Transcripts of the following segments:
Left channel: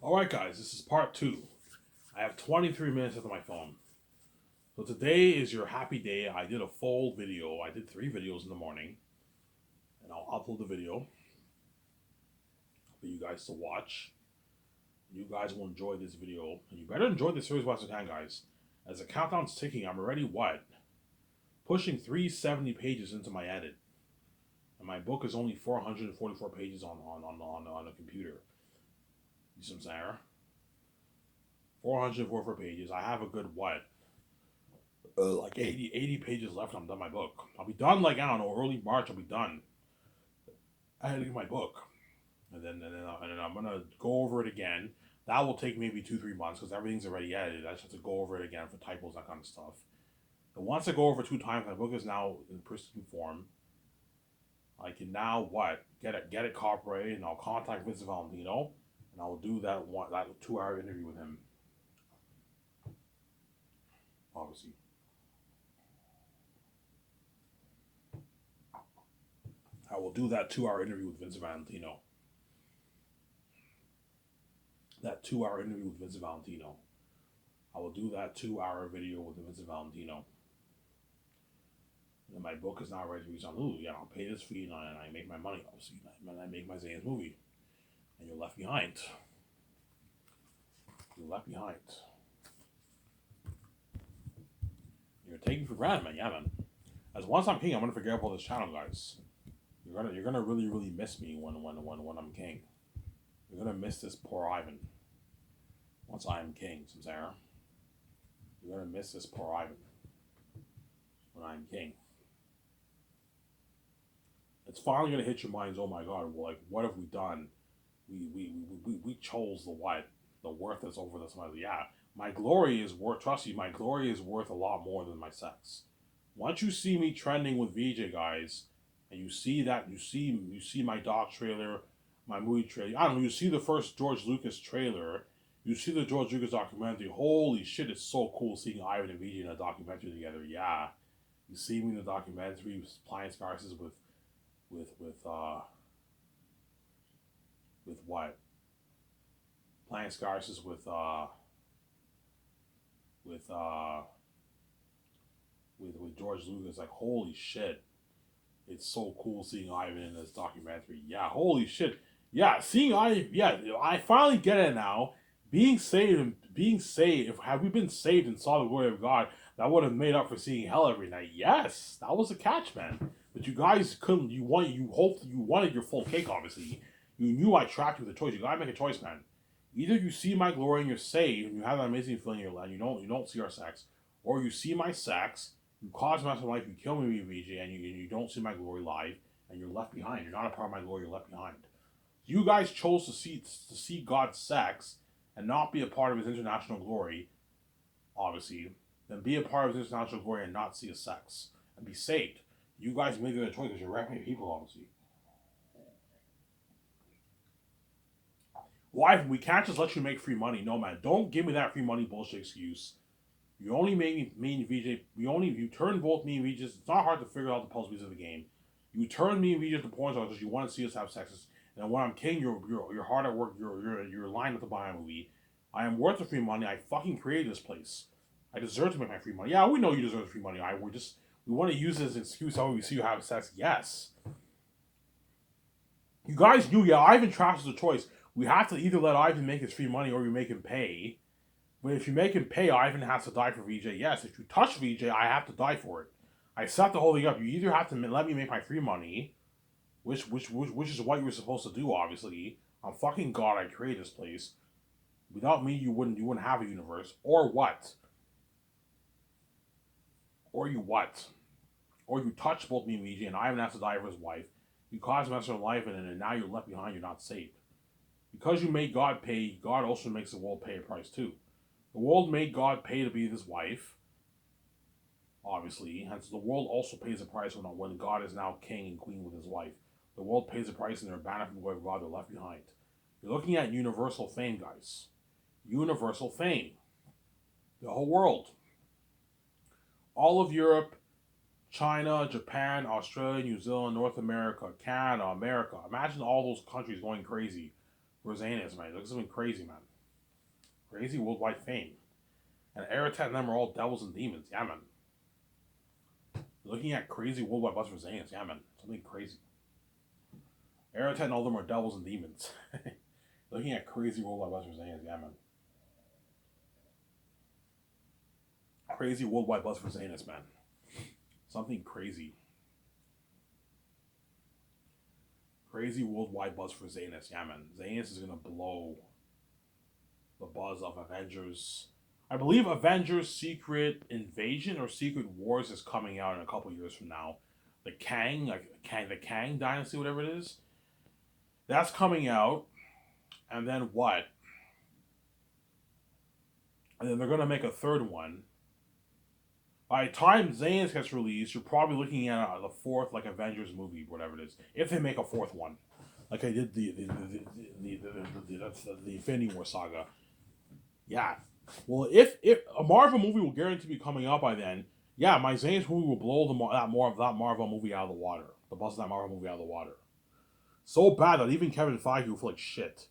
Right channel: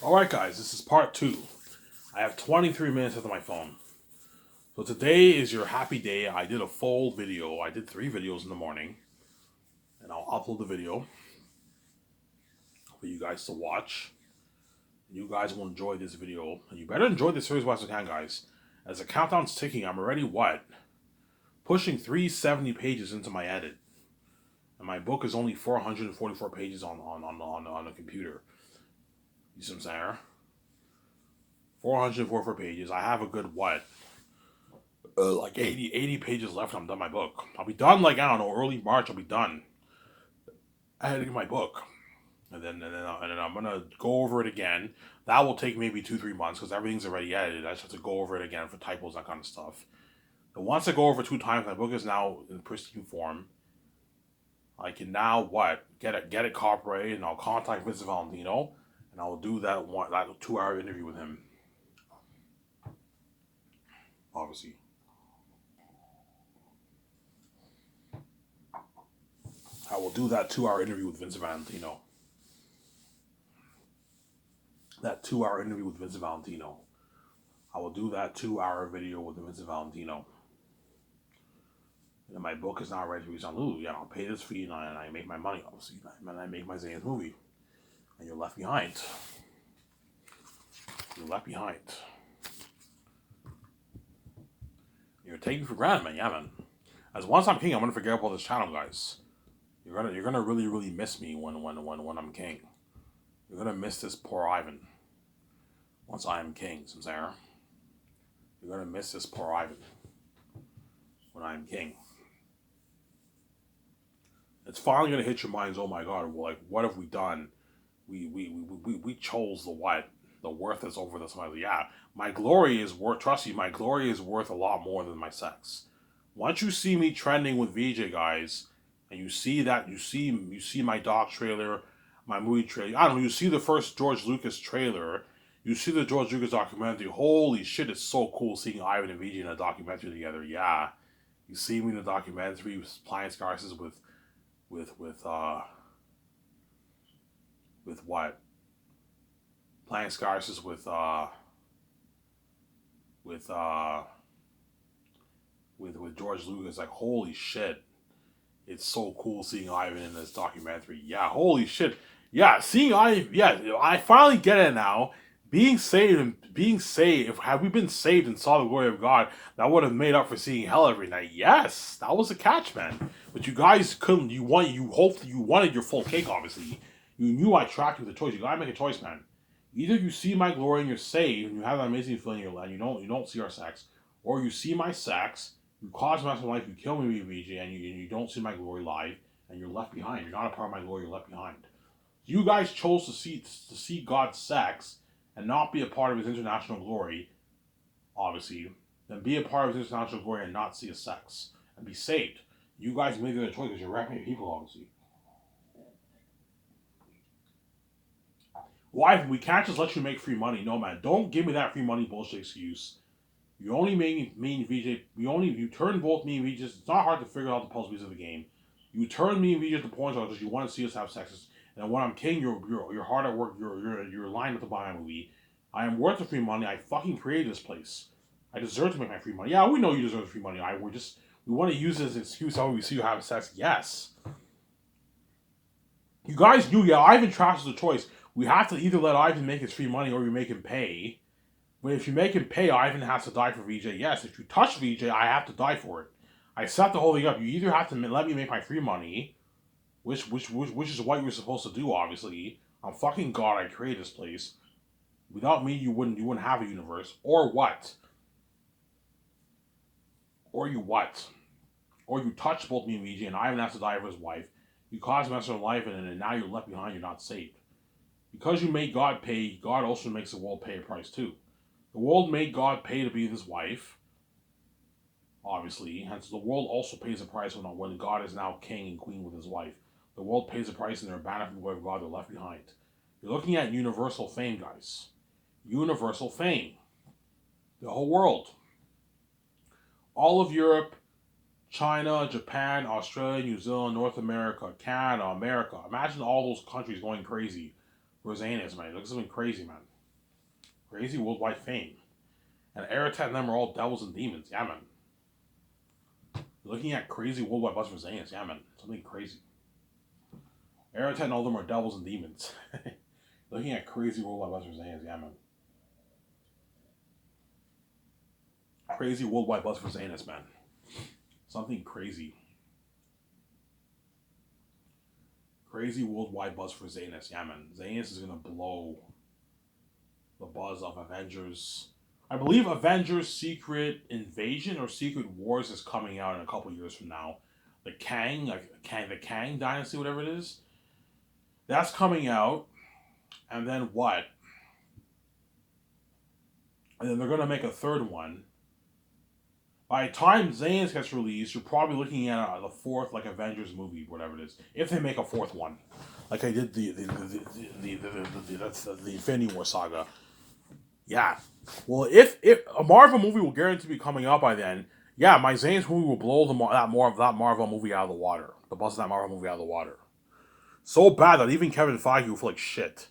Alright, guys, this is part two. I have 23 minutes left on my phone. So today is your happy day. I did a full video. I did 3 videos in the morning. And I'll upload the video for you guys to watch. You guys will enjoy this video. And you better enjoy this series while you can, guys. As the countdown's ticking, I'm already what? Pushing 370 pages into my edit. And my book is only 444 pages on the computer. You see what I'm saying? 444 pages. I have a good what? Like 80 pages left. I'm done my book. I'll be done like, I don't know, early March. I'll be done editing my book, and then I'm gonna go over it again. That will take maybe 2 3 months because everything's already edited. I just have to go over it again for typos, that kind of stuff. And once I go over 2 times, my book is now in pristine form. I can now what get it copyrighted, and I'll contact Vincent Valentino, and I'll do that 2 hour interview with him. Obviously, I will do that 2 hour interview with Vincent Valentino. That 2 hour interview with Vincent Valentino. I will do that 2 hour video with Vincent Valentino. And my book is not ready to be on Lulu. Yeah, I'll pay this fee and I make my money, obviously. And I make my Zane's movie. And you're left behind. You're left behind. You're taking for granted, man. Yeah, man. As once I'm king, I'm gonna forget about this channel, guys. You're gonna really miss me when I'm king. You're gonna miss this poor Ivan. Once I am king, Sarah. You're gonna miss this poor Ivan when I am king. It's finally gonna hit your minds. Oh my God! Like, what have we done? We chose the what? The worth is over this. Yeah, my glory is worth. Trust me, my glory is worth a lot more than my sex. Once you see me trending with VJ, guys, and you see that you see my doc trailer, my movie trailer. I don't know. You see the first George Lucas trailer. You see the George Lucas documentary. Holy shit! It's so cool seeing Ivan and VJ in a documentary together. Yeah, you see me in the documentary playing Scarces with with uh with what? Playing Scarces with uh with George Lucas. Like, holy shit. It's so cool seeing Ivan in this documentary. Yeah, holy shit. Yeah, seeing Ivan, yeah, I finally get it now. Being saved, had we been saved and saw the glory of God, that would have made up for seeing hell every night. Yes, that was the catch, man. But you guys couldn't. You wanted your full cake. Obviously, you knew I tracked you with a choice. You gotta make a choice, man. Either you see my glory and you're saved, and you have that amazing feeling in your life. You don't see our sex, or you see my sex, you cause my life, you kill me, VJ, and you don't see my glory live, and you're left behind. You're not a part of my glory. You're left behind. You guys chose to see God's sex and not be a part of His international glory, obviously. Then be a part of His international glory and not see His sex and be saved. You guys made the other choice because you're rapping people, obviously. Why? We can't just let you make free money. No, man. Don't give me that free money bullshit excuse. You only made me and VJ. You turned both me and VJ. It's not hard to figure out the puzzle of the game. You turned me and VJ to points because you want to see us have sex. And when I'm king, you're hard at work. You're lined up to buy a movie. I am worth the free money. I fucking created this place. I deserve to make my free money. Yeah, we know you deserve the free money. We want to use it as an excuse how we see you have sex. Yes, you guys knew. Yeah, Ivan Trash is a choice. We have to either let Ivan make his free money or we make him pay. But if you make him pay, Ivan has to die for VJ. Yes, if you touch VJ, I have to die for it. I set the whole thing up. You either have to let me make my free money, which is what you're supposed to do. Obviously, I'm fucking God. I created this place. Without me, you wouldn't have a universe. Or what? Or you what? Or you touch both me and VJ, and Ivan has to die for his wife. You cause mess of life, and now you're left behind. You're not saved because you made God pay. God also makes the world pay a price too. The world made God pay to be his wife, obviously, hence the world also pays a price when God is now king and queen with his wife. The world pays a price and they're abandoned from the way of God, they're left behind. You're looking at universal fame, guys. Universal fame. The whole world. All of Europe, China, Japan, Australia, New Zealand, North America, Canada, America. Imagine all those countries going crazy. Rosanus, man. He looks something crazy, man. Crazy worldwide fame. And Aratat and them are all devils and demons. Yeah, man. Looking at crazy worldwide buzz Rosanus. Yeah, man. Something crazy. Aratat and all of them are devils and demons. Looking at crazy worldwide buzz Rosanus. Yeah, man. Crazy worldwide buzz for Zanus, man. Something crazy. Crazy worldwide buzz for Zanus. Yeah, man. Zanus is gonna blow the buzz of Avengers. I believe Avengers Secret Invasion or Secret Wars is coming out in a couple years from now. The Kang, the Kang Dynasty, whatever it is. That's coming out. And then what? And then they're gonna make a third one. By the time Zanes gets released, you're probably looking at the fourth like Avengers movie, whatever it is. If they make a fourth one, like I did the Infinity War saga. Yeah. Well, if a Marvel movie will guarantee to be coming out by then, yeah, my Zanes movie will blow that Marvel movie out of the water. The buzz of that Marvel movie out of the water. So bad that even Kevin Feige will feel like shit.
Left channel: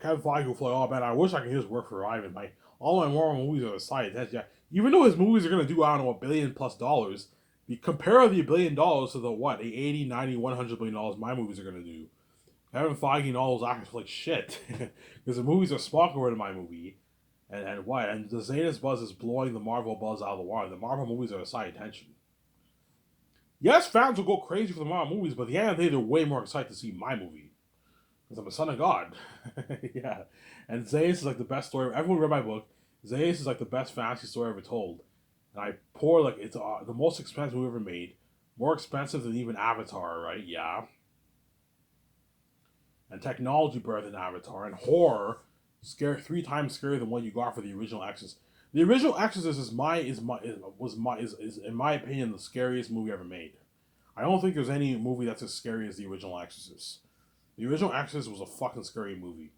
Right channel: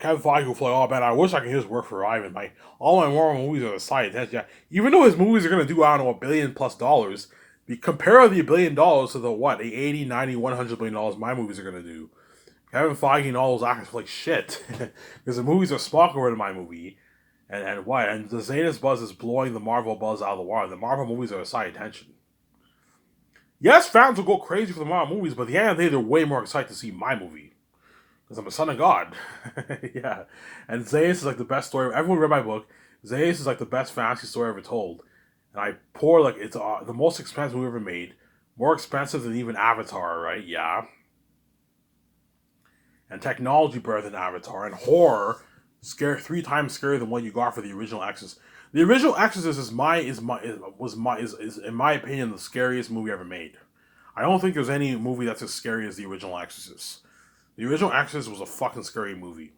Kevin Feige will feel like, oh man, I wish I could just work for Ivan. All my Marvel movies are the side. Yeah. Even though his movies are gonna do, I don't know, $1 billion plus, compare the $1 billion to the what, the 80, 90, $100 billion my movies are gonna do. Kevin Feige and all those actors feel like shit. Because the movies are smaller than my movie. And what? And the Zanus buzz is blowing the Marvel buzz out of the water. The Marvel movies are a side attention. Yes, fans will go crazy for the Marvel movies, but at the end of the day, they're way more excited to see my movie. Because I'm a son of God. Yeah. And Zeus is like the best story. Everyone read my book. Zeus is like the best fantasy story ever told. And I pour like it's the most expensive movie ever made. More expensive than even Avatar, right? Yeah. And technology better than Avatar. And horror, scare 3 times scarier than what you got for the original Exorcist. The original Exorcist is in my opinion the scariest movie ever made. I don't think there's any movie that's as scary as the original Exorcist. The original Exorcist was a fucking scary movie.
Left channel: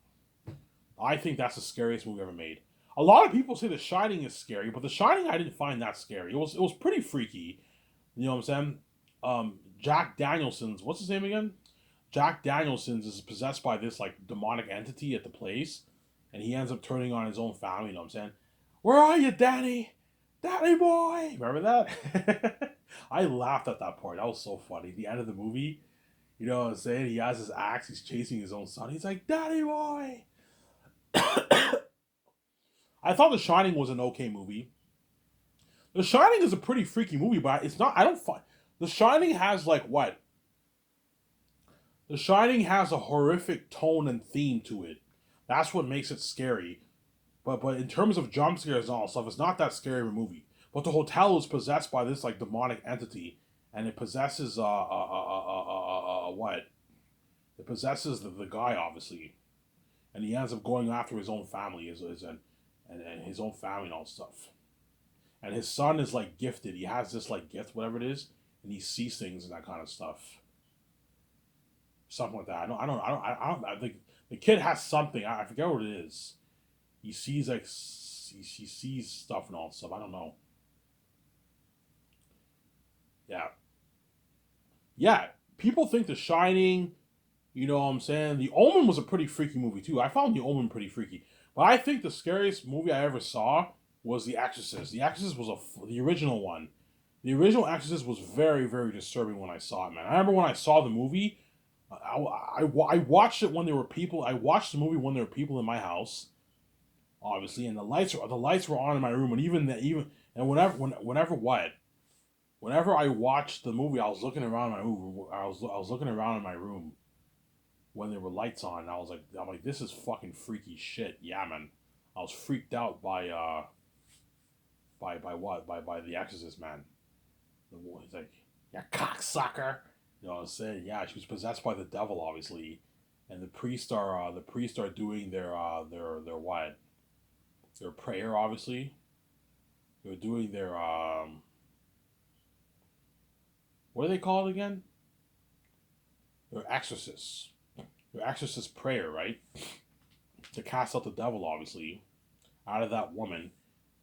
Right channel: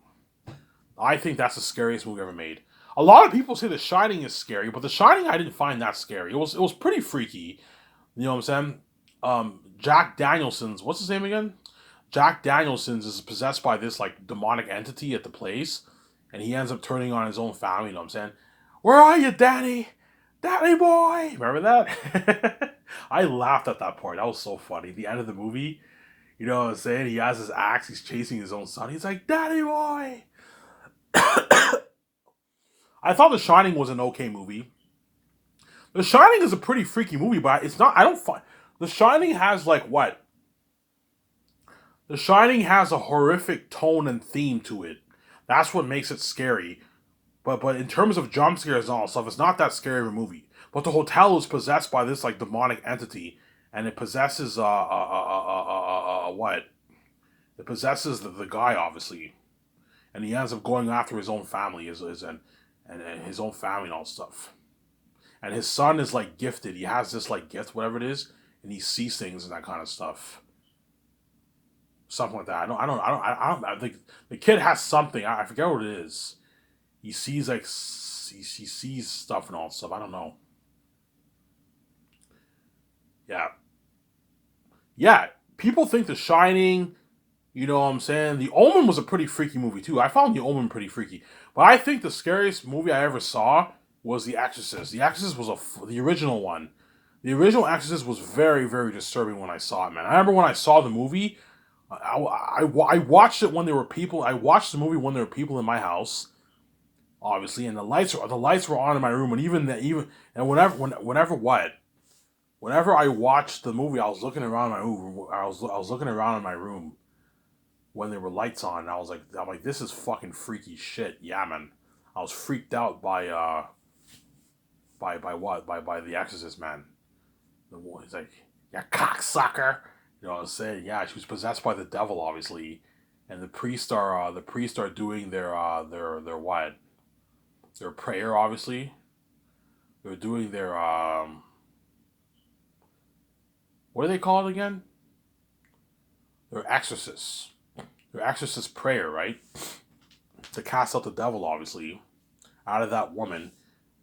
I think that's the scariest movie ever made. A lot of people say The Shining is scary, but The Shining I didn't find that scary. It was pretty freaky. You know what I'm saying? Jack Danielson's, what's his name again? Jack Danielson's is possessed by this like demonic entity at the place, and he ends up turning on his own family. You know what I'm saying? Where are you, Danny? Danny boy! Remember that? I laughed at that part. That was so funny. The end of the movie. You know what I'm saying? He has his axe. He's chasing his own son. He's like, Daddy boy! I thought The Shining was an okay movie. The Shining is a pretty freaky movie, but it's not. I don't find. The Shining has like what? The Shining has a horrific tone and theme to it. That's what makes it scary. But in terms of jump scares and all stuff, it's not that scary of a movie. But the hotel is possessed by this like demonic entity, and it possesses what? It possesses the guy obviously, and he ends up going after his own family, and his own family and all stuff. And his son is like gifted. He has this like gift, whatever it is, and he sees things and that kind of stuff. Something like that. I think the kid has something. I forget what it is. He sees like he sees stuff and all stuff. I don't know. Yeah, yeah. People think The Shining. You know what I'm saying? The Omen was a pretty freaky movie too. I found The Omen pretty freaky. But I think the scariest movie I ever saw was The Exorcist. The Exorcist was the original one. The original Exorcist was very, very disturbing when I saw it, man. I remember when I saw the movie, I watched it when there were people. I watched the movie when there were people in my house, obviously, and the lights were on in my room, and whenever I watched the movie, I was looking around my room. I was looking around in my room when there were lights on. And I'm like, this is fucking freaky shit. Yeah, man. I was freaked out by The Exorcist, man. He's like, yeah, cocksucker. You know what I'm saying? Yeah, she was possessed by the devil, obviously, and the priests are doing their what? Their prayer, obviously. They're doing their what do they call it again? Their exorcists. Their exorcist prayer, right? To cast out the devil, obviously, out of that woman.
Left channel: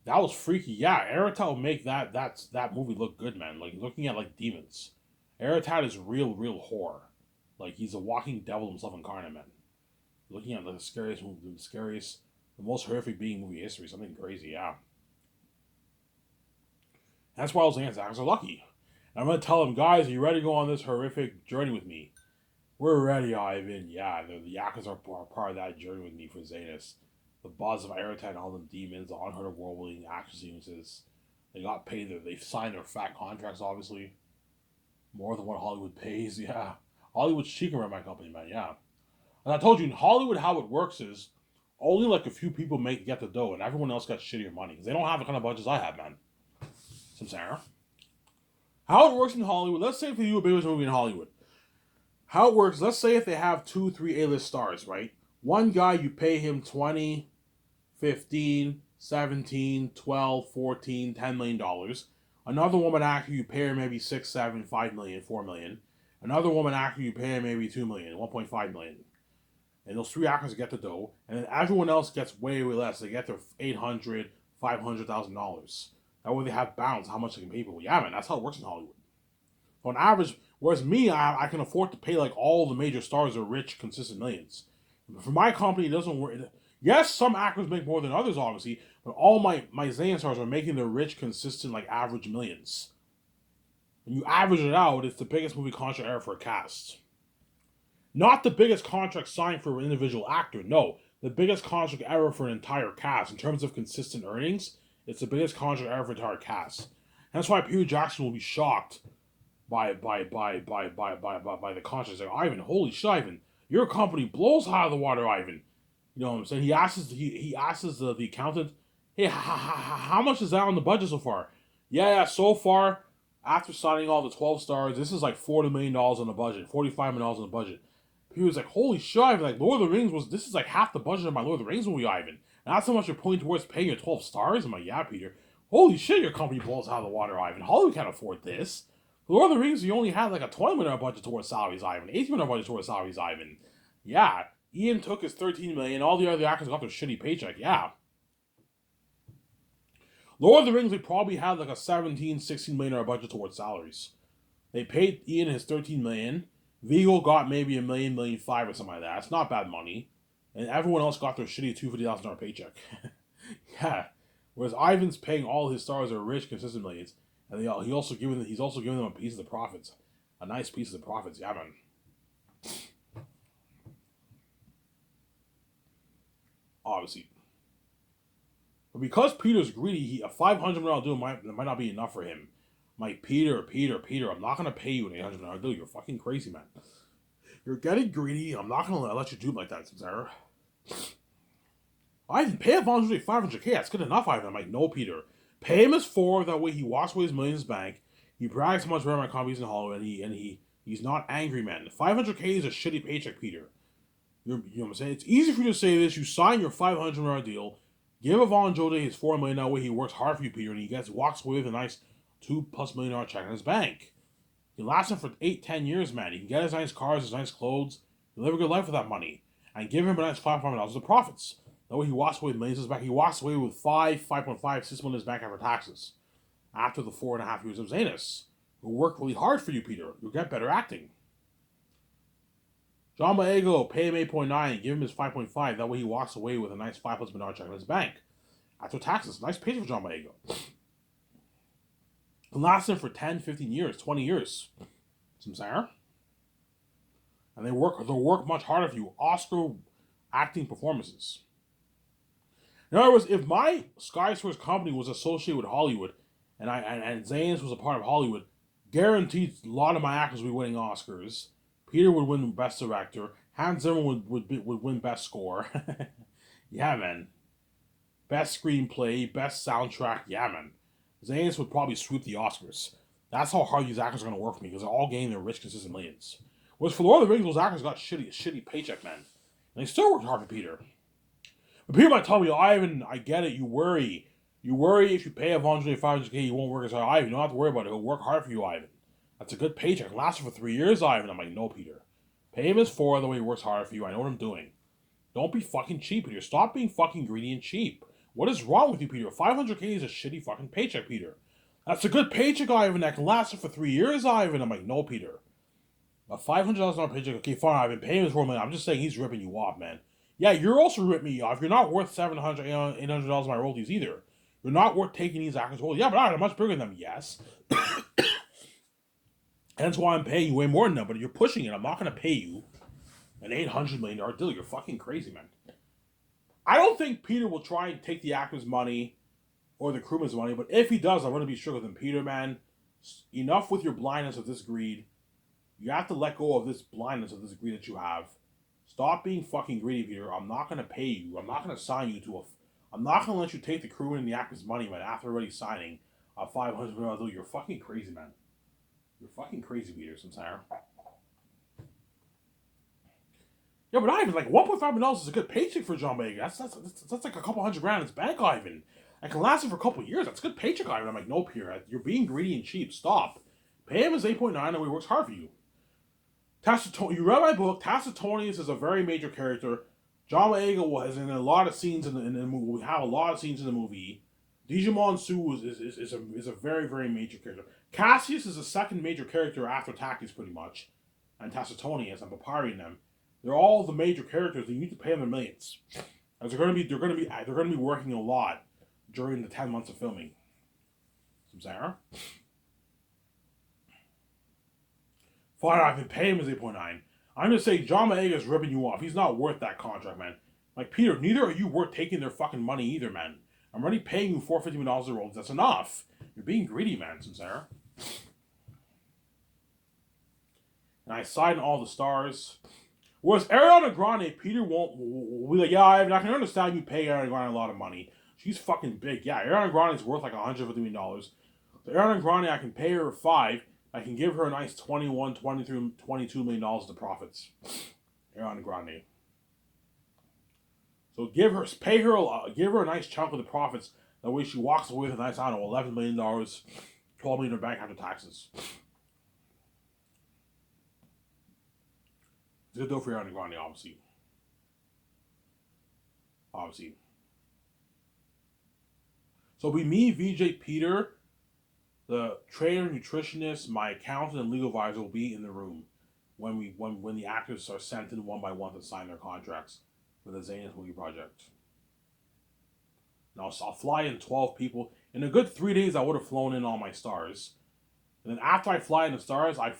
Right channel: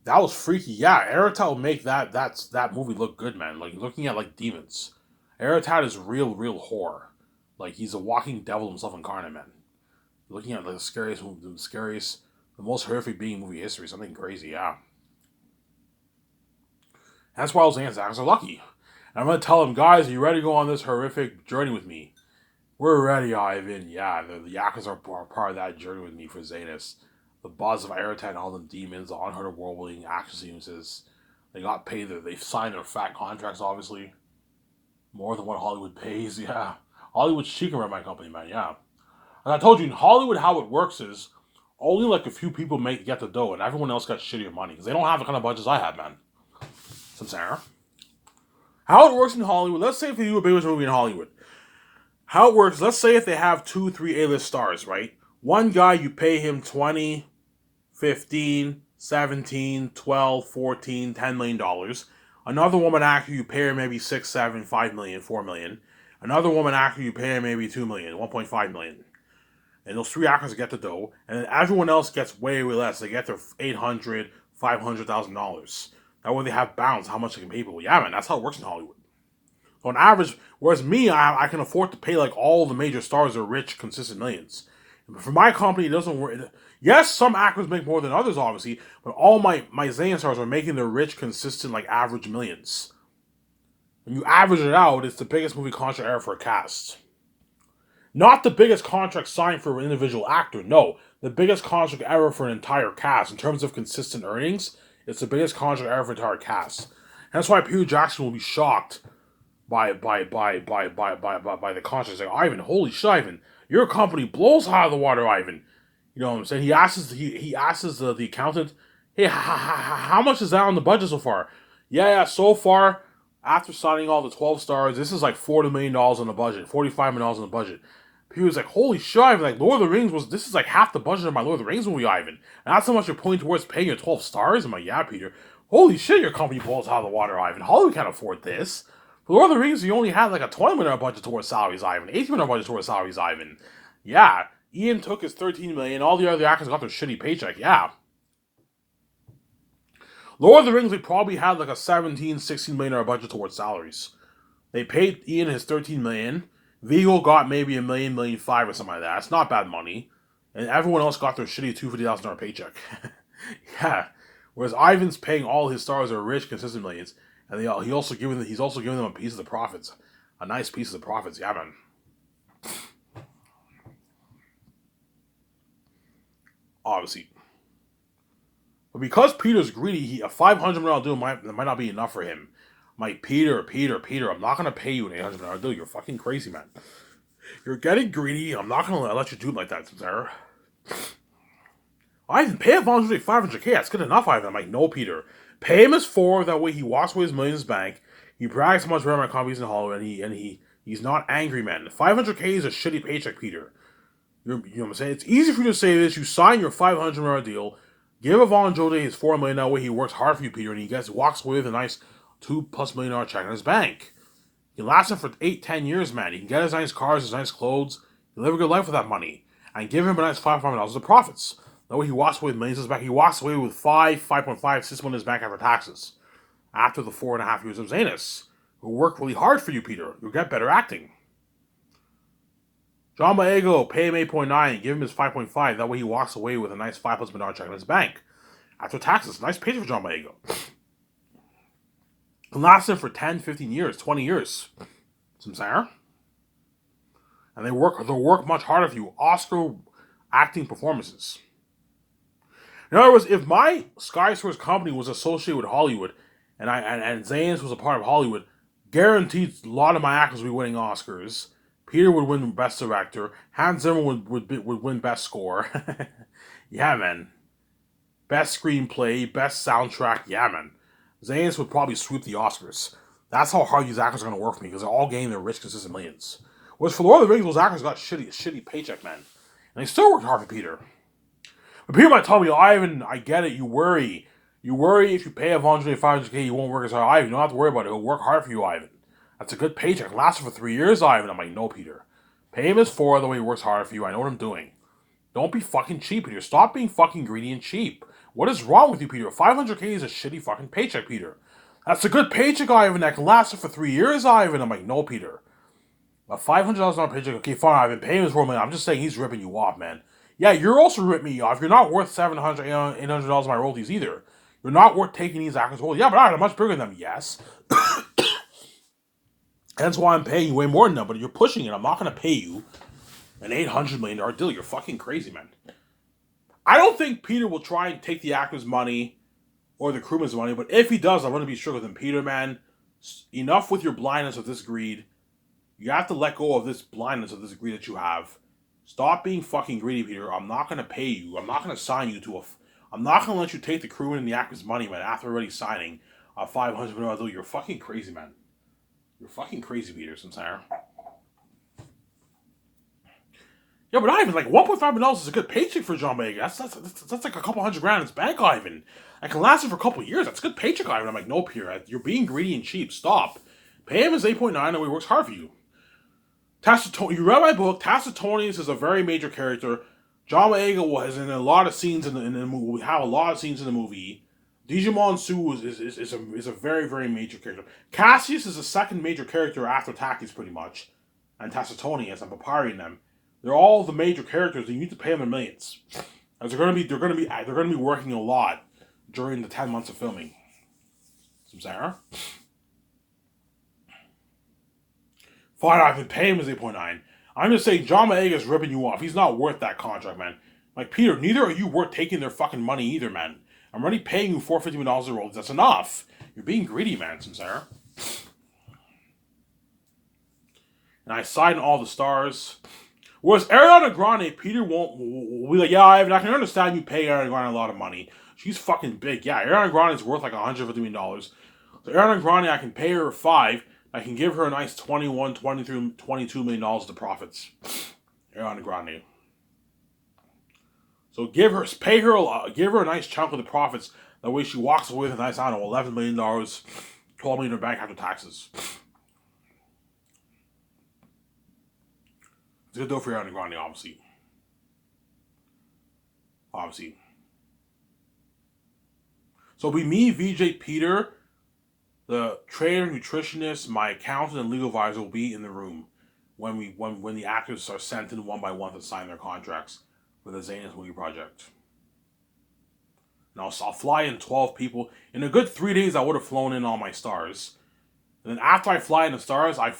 That was freaky. Yeah, Aratat will make that movie look good, man. Like looking at like demons. Aratat is real horror. Like he's a walking devil himself incarnate, man. You're looking at like the most horrific being in movie history. Something crazy, yeah. That's why Los Angeles are lucky. And I'm gonna tell them, guys, are you ready to go on this horrific journey with me? We're ready, Ivan. Yeah, the Yakuza are part of that journey with me for Zanus. The boss of Aerotan, all them demons, the unheard of world-building action sequences. They got paid. They signed their fat contracts, obviously. More than what Hollywood pays, yeah. Hollywood's cheating around my company, man, yeah. And I told you, in Hollywood, how it works is only like a few people get the dough, and everyone else got shittier money because they don't have the kind of budgets I have, man. Sincere. How it works in Hollywood, let's say if you do a big movie in Hollywood, how it works, let's say if they have 2, 3 A-list stars, right? One guy, you pay him 20, 15, 17, 12, 14, $10 million. Another woman actor, you pay her maybe 6, 7, 5 million, 4 million. Another woman actor, you pay her maybe 2 million, 1.5 million. And those 3 actors get the dough, and then everyone else gets way, way less. They get their $800,000, $500,000. That way they have bounds how much they can pay people. Yeah, man, that's how it works in Hollywood. So on average, whereas me, I can afford to pay like all the major stars are rich, consistent millions. But for my company, it doesn't work. Yes, some actors make more than others, obviously, but all my Zayn stars are making their rich, consistent, like average millions. When you average it out, it's the biggest movie contract ever for a cast. Not the biggest contract signed for an individual actor, no. The biggest contract ever for an entire cast. In terms of consistent earnings, it's the biggest contract ever for an entire cast. And that's why Peter Jackson will be shocked by the contract. Like, Ivan, holy shit, Ivan, your company blows out of the water, Ivan. You know what I'm saying? He asks the accountant, hey, how much is that on the budget so far? Yeah, so far, after signing all the 12 stars, this is like $40 million on the budget, $45 million on the budget. He was like, holy shit, Ivan, like Lord of the Rings this is like half the budget of my Lord of the Rings movie, Ivan. And that's how much you're putting towards paying your 12 stars? I'm like, yeah, Peter. Holy shit, your company blows out of the water, Ivan. Hollywood can't afford this. For Lord of the Rings, you only had like a $20 million budget towards salaries, Ivan. $18 million budget towards salaries, Ivan. Yeah, Ian took his $13 million. All the other actors got their shitty paycheck, yeah. Lord of the Rings, they probably had like a $17, $16 million budget towards salaries. They paid Ian his $13 million. Viggo got maybe $1 million, $1.5 million or something like that. It's not bad money. And everyone else got their shitty $250,000 paycheck. Yeah. Whereas Ivan's paying all his stars are rich, consistent millions. And he's also giving them a piece of the profits. A nice piece of the profits. Yeah, man. Obviously. But because Peter's greedy, a $500 million deal might not be enough for him. Like, Peter, I'm not going to pay you an $800 million deal. You're fucking crazy, man. You're getting greedy. I'm not going to let you do it like that, Sarah. Ivan, pay Avon 500K. That's good enough, Ivan. I'm like, no, Peter. Pay him his 4. That way he walks away his millions bank. He brags how much better my company's in Hollywood, and he's not angry, man. 500K is a shitty paycheck, Peter. You know what I'm saying? It's easy for you to say this. You sign your $500 million deal. Give Avon Jode his $4 million. That way he works hard for you, Peter, and he walks away with a nice $2+ million check in his bank. He lasts him for 8-10 years, man. He can get his nice cars, his nice clothes. He'll live a good life with that money. And give him a nice $500 million of profits. That way he walks away with millions in his bank. He walks away with 5.5, 6 million in his bank after taxes. After the 4.5 years of Zanus. Who work really hard for you, Peter. You'll get better acting. John Boyega, pay him 8.9, give him his 5.5. That way he walks away with a nice $5+ million check in his bank. After taxes. Nice paycheck for John Boyega. Can last him for 10, 15 years, 20 years. Sincere? And they'll work much harder for you. Oscar acting performances. In other words, if my Sky Source company was associated with Hollywood, and Zane's was a part of Hollywood, guaranteed a lot of my actors would be winning Oscars. Peter would win Best Director. Hans Zimmer would win Best Score. Yeah, man. Best Screenplay, Best Soundtrack. Yeah, man. Zane's would probably sweep the Oscars. That's how hard these actors are going to work for me, because they're all getting their rich, consistent millions. Whereas for Lord of the Rings, those actors got shitty paycheck, man. And they still worked hard for Peter. But Peter might tell me, Ivan, I get it, you worry. You worry if you pay Avon 500K, you won't work as hard. Ivan, you don't have to worry about it. He'll work hard for you, Ivan. That's a good paycheck. It'll last for 3 years, Ivan. I'm like, no, Peter. Pay him his 4, the way he works hard for you. I know what I'm doing. Don't be fucking cheap, Peter. Stop being fucking greedy and cheap. What is wrong with you, Peter? 500K is a shitty fucking paycheck, Peter. That's a good paycheck, Ivan. That can last for 3 years, Ivan. I'm like, no, Peter. A $500 paycheck. Okay, fine. I've been paying this for a minute. I'm just saying he's ripping you off, man. Yeah, you're also ripping me off. You're not worth $700, $800 of my royalties either. You're not worth taking these actors' roles. Yeah, but I'm much bigger than them. Yes. That's why I'm paying you way more than them. But you're pushing it. I'm not going to pay you an $800 million deal. You're fucking crazy, man. I don't think Peter will try and take the actor's money or the crewman's money. But if he does, I'm going to be strict with him. Peter, man, enough with your blindness of this greed. You have to let go of this blindness of this greed that you have. Stop being fucking greedy, Peter. I'm not going to pay you. I'm not going to sign you to a... I'm not going to let you take the crewman and the actor's money, man, after already signing a $500 million deal. You're fucking crazy, man. You're fucking crazy, Peter Sinclair. Yeah, but Ivan, like $1.5 million is a good paycheck for John Boyega. That's like a couple $100,000 in his bank, Ivan. I can last him for a couple of years. That's a good paycheck, Ivan. I'm like, no, Peter, you're being greedy and cheap. Stop. Pay him his 8.9 and he works hard for you. Tacitonius, you read my book. Tacitonius is a very major character. John Boyega was in a lot of scenes in the movie. We have a lot of scenes in the movie. Digimon Su is a very, very major character. Cassius is the second major character after Takis, pretty much, and Tacitonius and Papyri and them. They're all the major characters, and you need to pay them in millions. As they're going to be working a lot during the 10 months of filming. Sarah? Fine, I've been paying him his 8.9. I'm just saying John Boyega is ripping you off. He's not worth that contract, man. Like, Peter, neither are you worth taking their fucking money either, man. I'm already paying you $450 million a roll. That's enough. You're being greedy, man, Samsara. And I signed all the stars. Whereas Ariana Grande, Peter won't be like, yeah, I can understand you pay Ariana Grande a lot of money. She's fucking big. Yeah, Ariana Grande is worth like $150 million. So Ariana Grande, I can pay her $5. I can give her a nice $21, $23, $22 million of profits. Ariana Grande. So give her a nice chunk of the profits. That way she walks away with a nice, I don't know, $11 million, $12 million in her bank after taxes. It's a good deal for Ariana Grande, obviously. So it'll be me, VJ, Peter, the trainer, nutritionist, my accountant, and legal advisor will be in the room when the actors are sent in one by one to sign their contracts for the Zanus movie project. And I'll fly in 12 people. In a good 3 days, I would have flown in all my stars. And then after I fly in the stars, I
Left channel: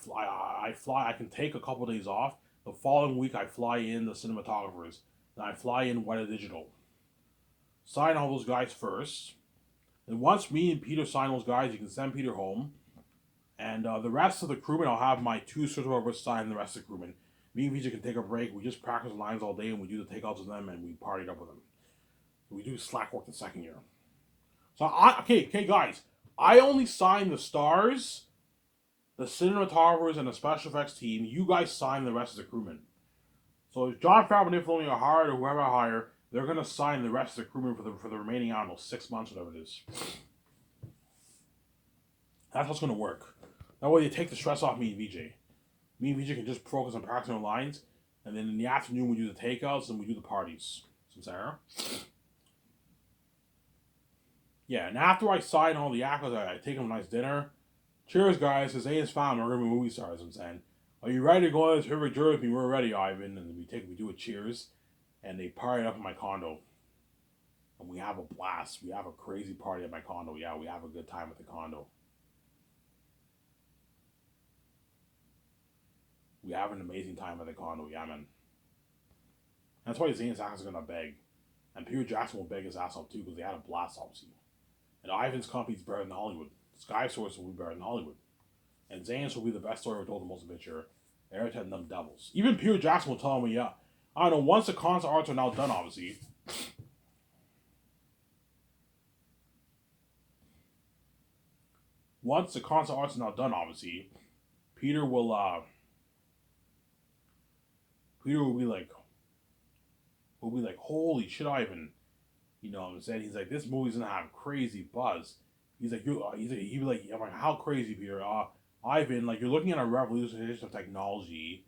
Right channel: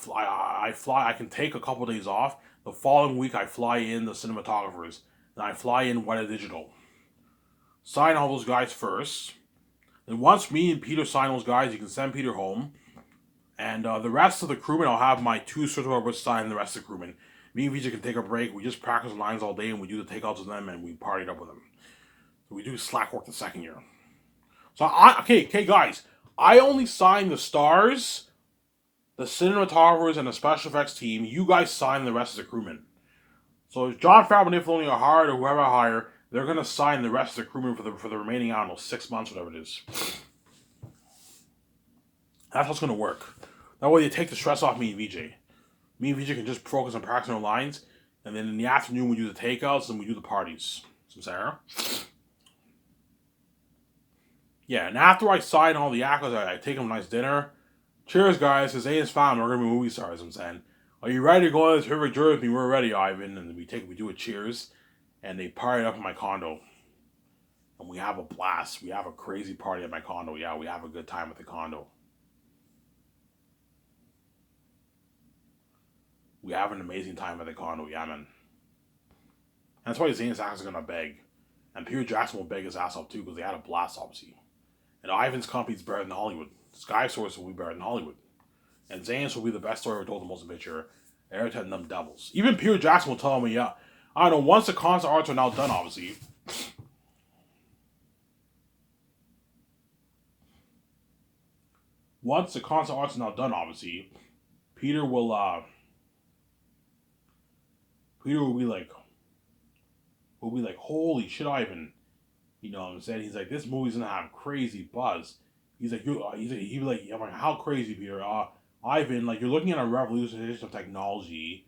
can take a couple of days off. The following week, I fly in the cinematographers. And I fly in Weta Digital. Sign all those guys first. And once me and Peter sign those guys, you can send Peter home. And the rest of the crewmen, I'll have my 2 certified sign the rest of the crewmen. Me and VJ can take a break. We just practice lines all day and we do the takeouts with them and we partied up with them. So we do slack work the second year. So, okay, guys. I only sign the stars, the cinematographers, and the special effects team. You guys sign the rest of the crewmen. So if Jon Favreau and Filoni are hired or whoever I hire, they're going to sign the rest of the crewmen for the remaining, I don't know, 6 months, whatever it is. That's what's going to work. That way they take the stress off me and VJ. Me and VJ can just focus on practicing our lines, and then in the afternoon we do the takeouts and we do the parties. So, Sarah? Yeah, and after I sign all the actors, I take them a nice dinner. Cheers, guys, because Zanus found we're going to be movie stars, I'm saying. Are you ready to go on this terrific journey with me? We're ready, Ivan. And we do a cheers, and they party up in my condo. And we have a blast. We have a crazy party at my condo. Yeah, we have a good time at the condo. We have an amazing time at the condo, yeah, man. That's why Zanus is going to beg. And Peter Jackson will beg his ass off, too, because they had a blast, obviously. And Ivan's company's better than Hollywood. Sky Source will be better than Hollywood. And Zanus will be the best story ever told, the most adventure. Airhead and them devils. Even Peter Jackson will tell me, yeah, I don't know, once the concert arts are now done, obviously. Once the concert arts are now done, obviously, Peter will be like, holy shit, Ivan. You know what I'm saying? He's like, this movie's gonna have crazy buzz. He's like, he'd be like, I'm like, how crazy, Peter? Ivan, like, you're looking at a revolution of technology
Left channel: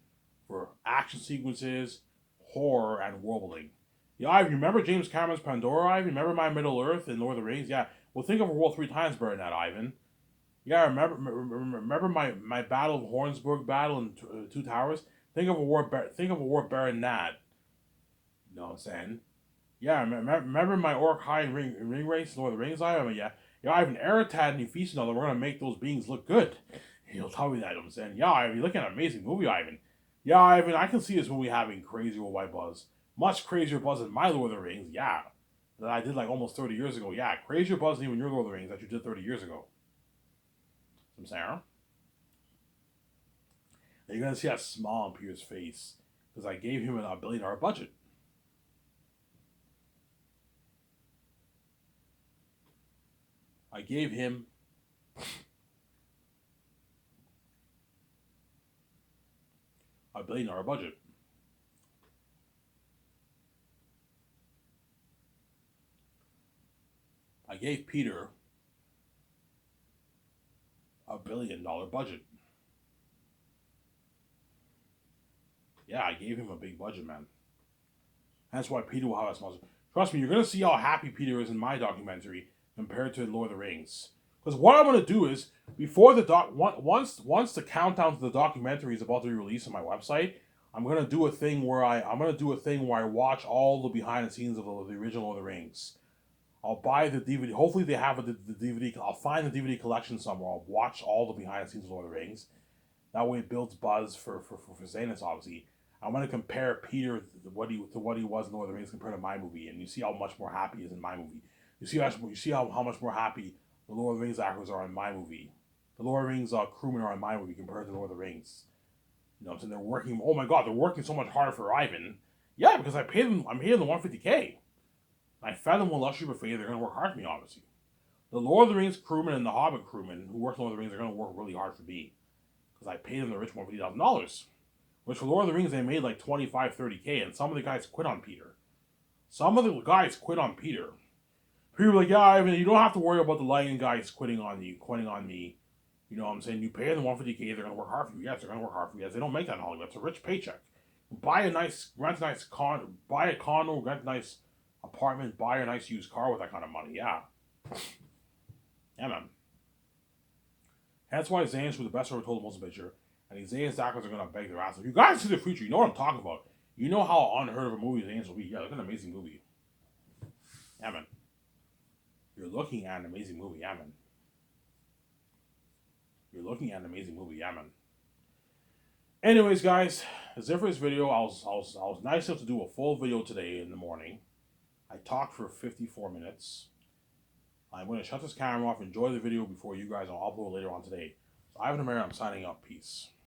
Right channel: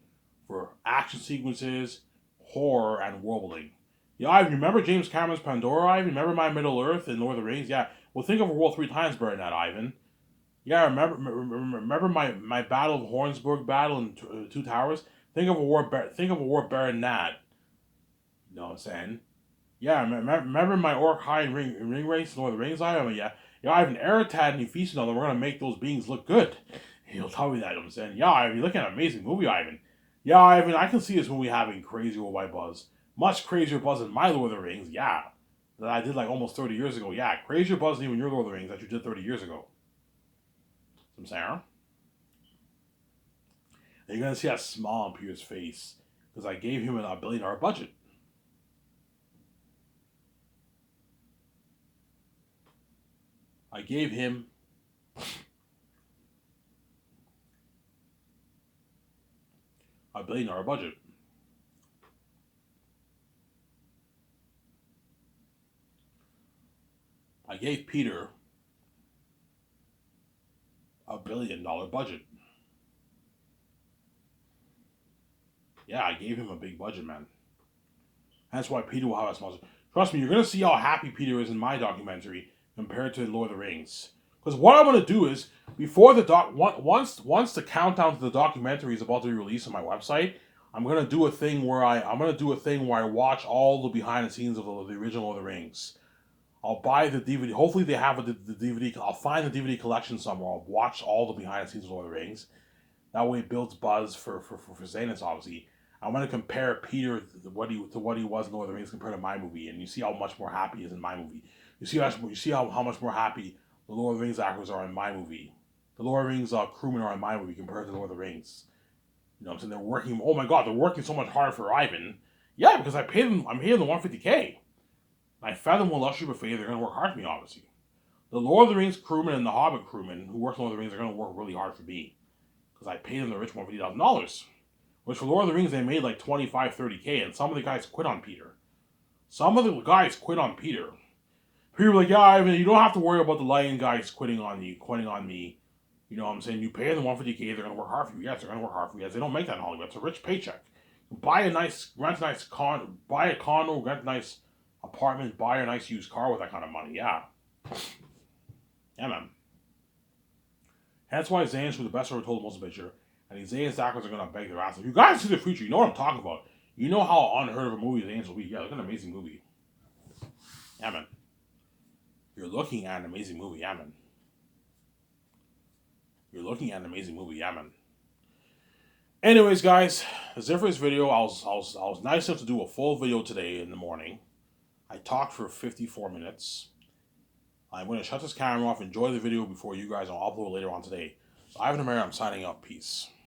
for action sequences, horror, and world building. Yeah, Ivan, remember James Cameron's Pandora, Ivan? Remember My Middle Earth and Lord of the Rings? Yeah, well, think of a world 3 times better than that, Ivan. Yeah, remember my battle of Hornsburg battle in Two Towers. Think of a war better than that. You know what I'm saying? Yeah, remember my Orc High ring race, Lord of the Rings? I have an Eritad and Ephesian that we're gonna make those beings look good. He'll tell me that. You know what I'm saying, yeah, Ivan, you're looking at an amazing movie, Ivan. Yeah, Ivan, I can see this movie having crazy worldwide buzz, much crazier buzz than my Lord of the Rings. Yeah, that I did like almost 30 years ago. Yeah, crazier buzz than even your Lord of the Rings that you did 30 years ago. I'm saying, and you're gonna see that smile on Peter's face because I gave him a $1 billion budget. I gave him $1 billion budget. I gave Peter $1 billion budget. Yeah, I gave him a big budget, man. That's why Peter will have a small. Trust me, you're gonna see how happy Peter is in my documentary compared to Lord of the Rings. Because what I'm gonna do is before the once the countdown to the documentary is about to be released on my website, I'm gonna do a thing where I watch all the behind the scenes of the original Lord of the Rings. I'll buy the DVD. Hopefully they have the DVD. I'll find the DVD collection somewhere. I'll watch all the behind the scenes of Lord of the Rings. That way it builds buzz for Zanus, obviously. I want to compare Peter to what he was in Lord of the Rings compared to my movie, and you see how much more happy he is in my movie. You see how much more happy the Lord of the Rings actors are in my movie. The Lord of the Rings crewmen are in my movie compared to Lord of the Rings. You know what I'm saying? They're working. Oh my God, they're working so much harder for Ivan. Yeah, because I paid them. I'm paying them 150K. I fed them with luxury buffet. They're going to work hard for me, obviously. The Lord of the Rings crewmen and the Hobbit crewmen who work in Lord of the Rings are going to work really hard for me because I paid them the rich $150,000. Which for Lord of the Rings they made like 25, 30K, and some of the guys quit on Peter. Some of the guys quit on Peter. People were like, yeah, Ivan, you don't have to worry about the lighting guys quitting on me. You know what I'm saying? You pay them 150K, they're gonna work hard for you. Yes, they're gonna work hard for you. Yes, they don't make that in Hollywood. It's a rich paycheck. Rent a nice buy a condo, rent a nice apartment, buy a nice used car with that kind of money. Yeah. Yeah, man. That's why Zane's was the best ever told the most picture. And these Zane's actors are gonna beg their ass. If you guys see the future, you know what I'm talking about. You know how unheard of a movie Zane's will be. Yeah, look at an amazing movie. Yeah, man. You're looking at an amazing movie. Yeah, man. You're looking at an amazing movie. Yeah, man. Anyways, guys, that's it for this video. I was nice enough to do a full video today in the morning. I talked for 54 minutes. I'm going to shut this camera off, enjoy the video before you guys. I'll upload later on today. So Ivan Ameri, I'm signing up. Peace.